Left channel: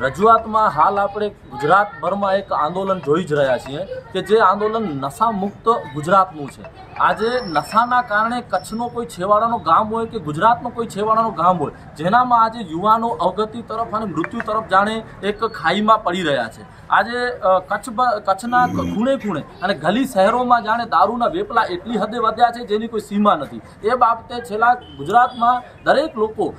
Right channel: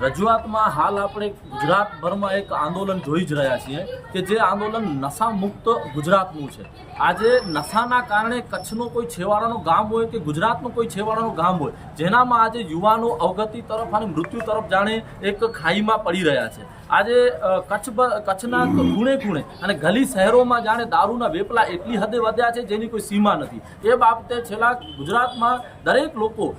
રજૂઆતમાં હાલ આપણે ગુજરાતભરમાં એક આંદોલન જોઈ જ રહ્યા છીએ કે જે આંદોલન નશા મુક્ત ગુજરાતનું છે। આજે નશાના કારણે કચ્છનો કોઈ છેવાડાનો ગામ હોય કે ગુજરાતનો કોઈ છેવાડાનો ગામ હોય જેનામાં આજે યુવાનો અવગતિ તરફ અને મૃત્યુ તરફ જાણે એક ખાઈમાં પડી રહ્યા છે। આજે કચ્છના ખૂણે ખૂણે અને ગલી શહેરોમાં જાણે દારૂના વેપલા એટલી હદે વધ્યા છે જેની કોઈ સીમા નથી। એ બાબતે છેલ્લા ગુજરાતમાં દરેક લોકો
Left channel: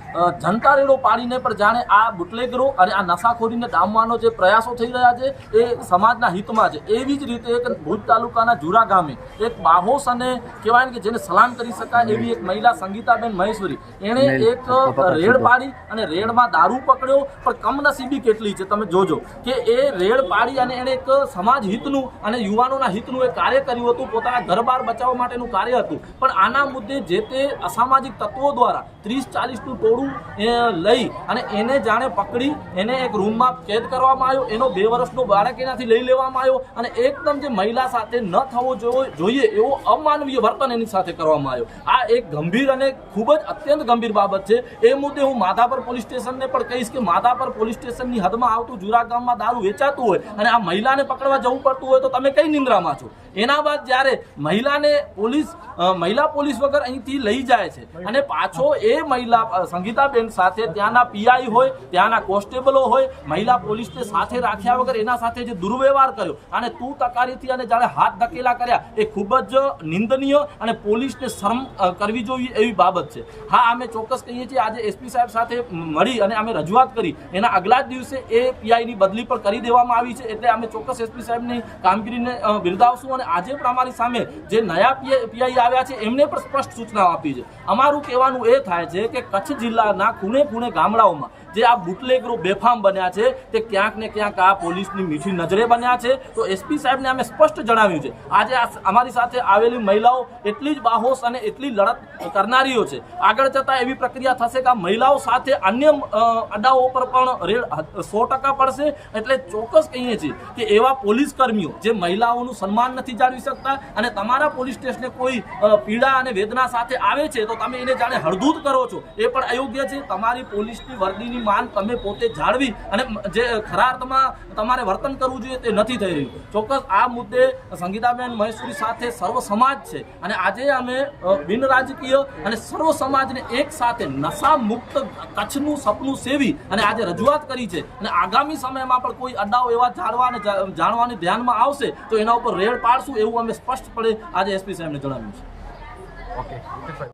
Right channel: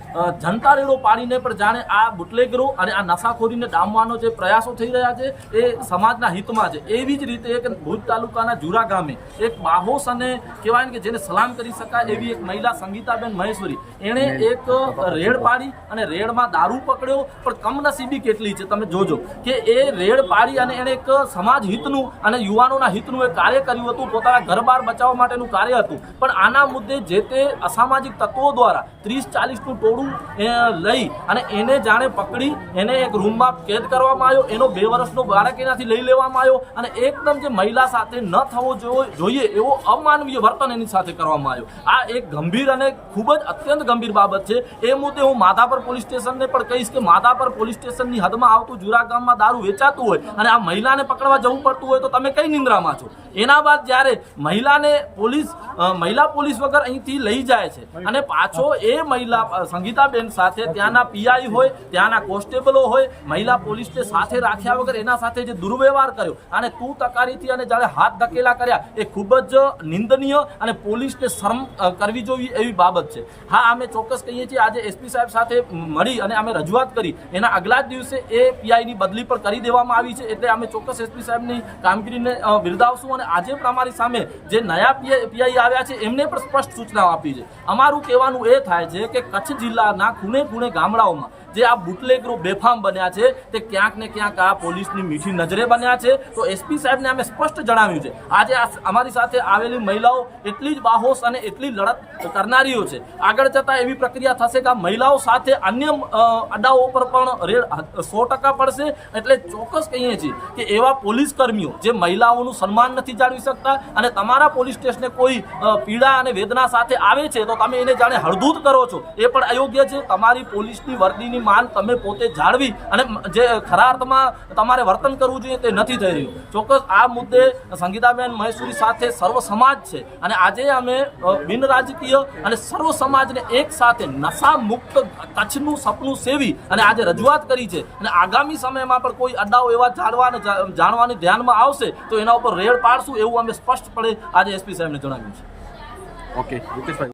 જનતા રેડો પાડીને પણ જાણે આ બુટલેગરો અને આ નશાખોરીને ડામવાનો જે પ્રયાસો થઈ રહ્યા છે એ સમાજના હિતમાં છે। એવી જ રીતે એક ભુજ તાલુકાના જુરા ગામે એક બાહોશ અને કહેવાય કે જેને સલામ કરી શકાય એવી એક મહિલા સંગીતાબેન મહેશ્વરી એણે એક રેડ પાડી અને રેડમાં દારૂ પકડ્યો। પણ કમનસીબી કેટલી છે તમે જોજો કે એ રેડ પાડી અને એણે એક સમાજ હિતનું અને યુવાનોના હિતનું એક કાર્ય કર્યું હતું, પોતાના ઘરબાર બચાવવા માટેનું કાર્ય હતું। પણ આના મુદ્દે જે તે અસામાજિક તત્વો દ્વારા 30-40નું ટોળું લઈ અને એને જાણે પકડી એને એક રૂમમાં કેદ કરવામાં આવ્યો। એનો 2 વર્ષનો બાળક એનાથી લઈ લેવામાં આવ્યો અને એકદમ જે મહિલા સાથે ન થવો જોઈએ એવો અમાનવીય વર્તન એની સાથે કરવામાં આવ્યો। આ એક ગંભીર અને ખૂબ જ અત્યંત ગંભીર બાબત છે। એ મુદ્દે હું માધાપર પોલીસ સ્ટેશનને પણ કહીશ કે માધાપર પોલીસ સ્ટેશનની હદમાં આવતું જુરા ગામમાં દારૂ વેચાતું હોય અને આ મહિલાને પકડવા જવું પડતું હોય તો તમે કઈ નિંદ્રામાં છો? એના બાદ જ્યારે મહિલા પોલીસ વગર અહીંથી લઈ જાય છે અને પાછો એ મહિલા સંગીતાબેન સાથે ત્યાંના પીઆઈ હોય, ત્યાંના કોન્સ્ટેબલો હોય, મહિલા પોલીસને સાથે રાખ્યા વગર એના સાથે જે દુર્વ્યવહાર કર્યો અને તું તકારીથી અને જ્યારે હાથ ધકેલા કર્યા એ ખૂબ જ નિંદનીય અને પોલીસને શરમ કરવી જોઈએ એવી બાબત છે। હા, અમે ચોક્કસ કહીએ છીએ આજે એસપી સાહેબ સાથે મળી અને અમે રજૂઆત કરી એના આગલા જ દિવસે એ પીઆઈની બદલી પણ કરી દેવામાં આવી છે। એટલે અમે ચોક્કસ એસપી સાહેબની કામગીરીને બિરદાવશું અને આજે પણ અમારી સામે જે નયા પીઆઈ આવ્યા છે એમને પણ સ્પષ્ટ સૂચનાઓ આપી છે। અમારું કહેવાનું એ થાય છે કે કચ્છ જિલ્લાના ખૂણે ખૂણે ગામડાઓમાં જે આ બુટલેગરો બેફામ બન્યા છે તે ક્યાંક ને ક્યાંક આ પોલીસની મીઠી નજરે બન્યા છે। તો એસપી સાહેબને અમે સ્પષ્ટ જણાવ્યું છે આજે અમારી સાથે આવેલી મહિલાઓ એટલી જ બાહોશ અને એટલી લડત કરનારીઓ છે। આગળ જતાં એવી પ્રક્રિયા થશે કે આ મહિલાઓ સાથે અન્ય અડાઓ પર પણ રેડ 100% પડશે। એટલે ચોક્કસ કહીએ છીએ કે એવા પોલીસ કર્મીઓ જે મહિલાઓનું સન્માન નથી જાળવી શકતા અને તમારા પોલીસ સ્ટેશને કોઈ પીડા અને વેદના સાથે આવે છે તો તમે એને જાણે હળદૂત કરો છો એ પણ અયોગ્ય છે। તમારી પોલીસની વર્દીની માન તમે પોતે જાળવી અને જે ખરા અર્થમાં તમારે વર્તન કરવું જોઈએ તે નથી થઈ રહ્યું। ચોક્કસ આ મુદ્દે સંગીતાબેન મહેશ્વરી સાથે સર્વ સમાજ છે અને આજે અમે બિન રાજકીય અને સર્વ સમાજને એક સાથે નશા મુક્ત કચ્છનું સપનું સેવી અને આજે રજૂઆત કરી છે અને આગામી સમયમાં પણ કોઈ અડાઓ એવા જાણવાની ધ્યાનમાં આવશે તો એના ઉપર રેડ પાડશું એવું અમે સ્પષ્ટપણે આજે એસપી સાહેબને જણાવ્યું છે। ઓકે,